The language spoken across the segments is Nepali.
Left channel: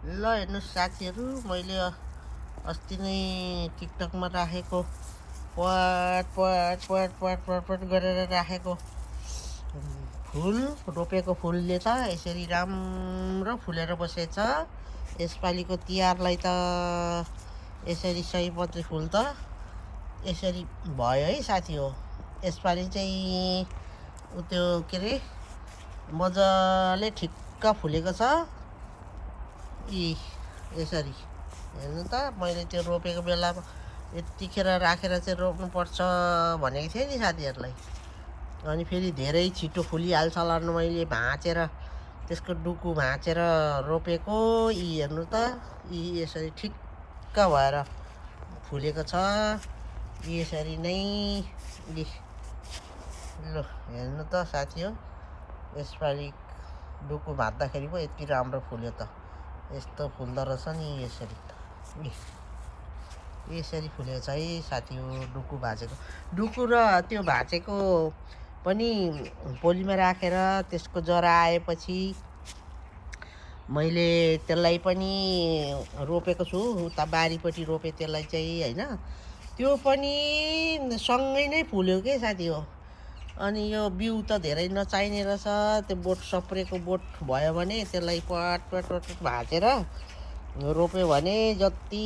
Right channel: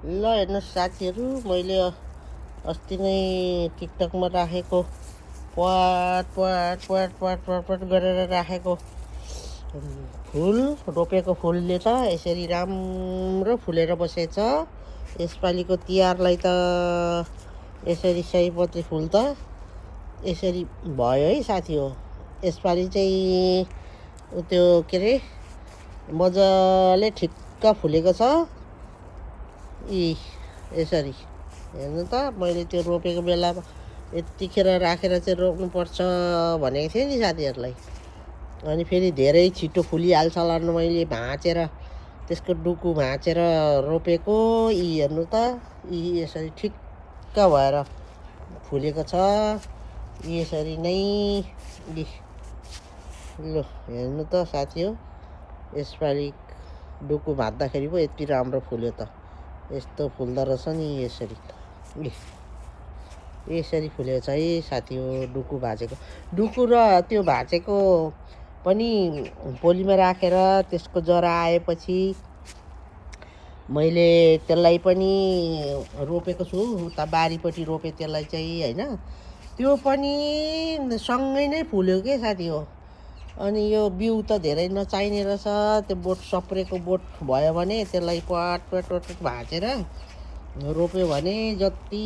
ल हेर्नुहोस् साथीहरू, मैले अस्ति नै टिकटकमा राखेको प्वाट प्वाट प्वाट प्वाट प्वाट प्वाट गरेर राखेको फुल रोपेको फुलले त यसरी राम्रो फुलेर बसेछ। यसपालिको तिहारलाई त यसरी सयपत्री फुल त यसरी भयो है साथी हो। यसपालि चाहिँ त्यो के अरे मजाले ठिक्क फुलेको छ। यसरी हेर्नु त, मैले त्यो रोपेको बेलामा यतिखेर राखेर चाहिँ रोप्नुपर्छ भनेको थिएँ नि साथीहरूलाई। अनि फेरि धेरै छिटो फुलिहाल्छ होला न, मैले भाँचेर त्यसको डुकु भाँचेर रोपेको। हेर्नु त, यसरी ठिक्क भएर फुलेको छ। यसरी नै लु हेर्नु त साथी हो, यसपालि डुकु भाँच्दाखेरि पो यति राम्रो फुल्यो त। यस्तो फुल्दो रहेछ नि यसरी फुलेको छ है साथी हो। डुकु भाँचेको डुकु र त्यो भाँचेको पनि पोलीमा राखेर त्यसको जरा आएपछि मैले त्यसलाई पनि रोपेको छु। उता बारीपट्टि रोपेँ त्यसलाई चाहिँ होइन, त्यो पनि सँगै नै फुल्यो के साथी हो। अनि यो बिउ त धेरै नचाहिने रहेछ। त्यो बोट सप्रेको बोट भयो भने त्यसलाई पट पट पट भाँचेर रोप्यो भने जति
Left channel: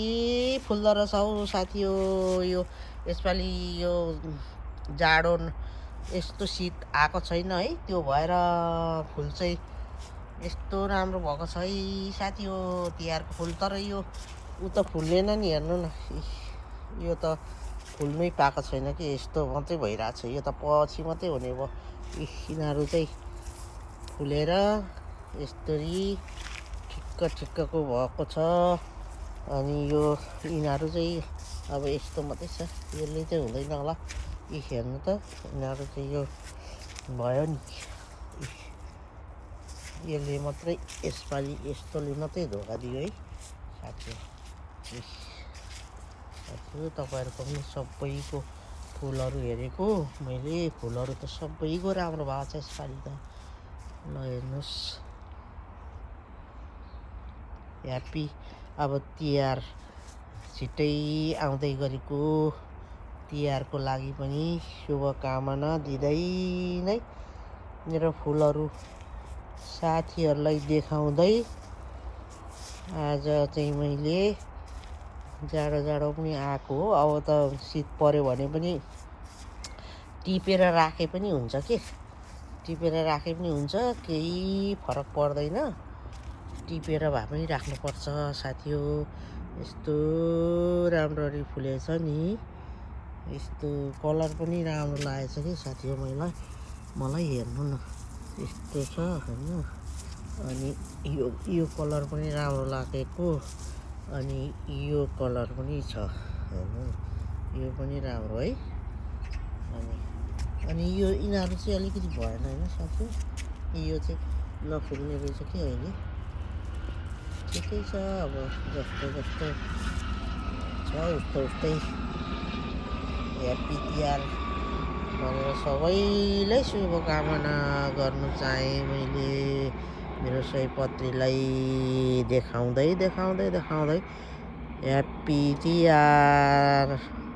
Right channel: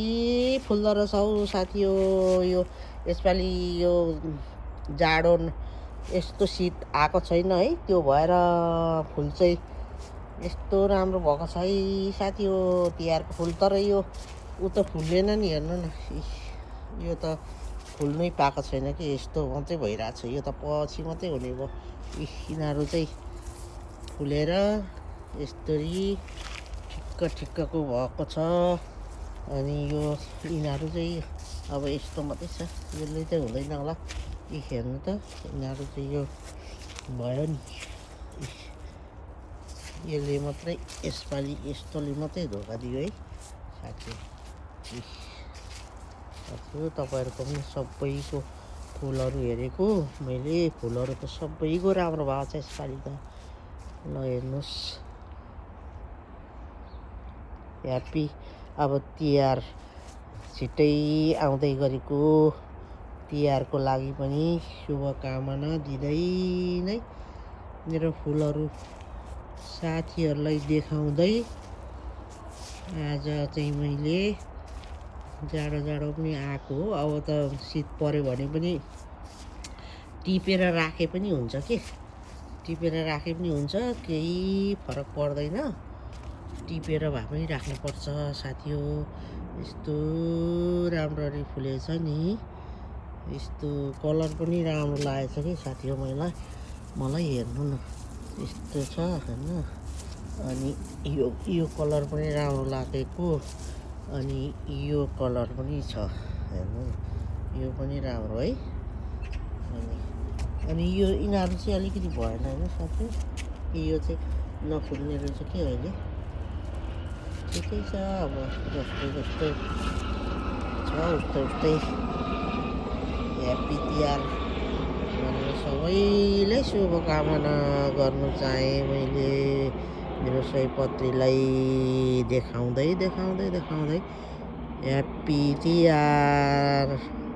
फुल्दो रहेछ हौ साथी हो। यो यसपालि यो जाडो यस्तो शीत आएको छैन है, त्यो भएर फुल चाहिँ यस्तो राम्रो भएको छ है साथी हो तिहारको फुल। तर यो ऊ त फुल्दैन नि, हेर्नु न, यो त फुल्नै पाएको छैन कि, यस्तो मात्रै भइरहेको छ। यो त पछि मात्रै हुने भयो। यिनीहरू चाहिँ फुलेर यस्तरी ठिक्क ठिक्कको भएको छ। अनि यो यिनीहरू चाहिँ अब यस्तो मात्रै छ, यसले चाहिँ हुँदैन होला। हेर्नु त, यिनीहरू चाहिँ यो भयो नि, यसले मात्रै यसपालि यस्तोले मात्रै धोका दियो है साथी। तपाईँहरूको पनि सबैको फुलहरू हेरेको मैले, फुलहरू त सबैको राम्रो भएको छ यसपालि त। ल हेर्नुहोस्, ह्याप्पी। अब तिहार छिट्टै आउँदै गरेको तिहारको लागि पनि शुभकामना दिँदै नै मेरो फुलहरू साथीहरूलाई देखाउँदै आज चाहिँ मैले जाडो पनि आएको हो। अब त शीत पऱ्यो भने पनि टिपेर राखे पनि हुन्छ के, टिपेर राखे पनि हुन्छ, केही फरक पर्दैन। टिपेर भए पनि राख्नुपर्छ साथी हो। यस्तो राम्ररी फुलेछ नि, यस्तो कलर पनि राम्रो लागेछ कि साथी हो। मलाई हेर्नु न, यस्तो छ हेर्नु। अनि यो कलर पनि राम्रो लागेको, अनि यो कलर पनि छ हेर्नु, यो पनि राम्रो है। अनि यो यिनीहरू चाहिँ अलिकति भएन होइन साथी, यो चाहिँ नफुल्ने रहेछ कि अहिले। ठिकै छ, अब जस्तो जस्तो छ उस्तै ह्याप्पी तिहार भनेर सबैलाई शुभकामना गर्नु चाहेँ मैले। मेरो सयपत्रीलाई देखाउँदै ह्याप्पी तिहार।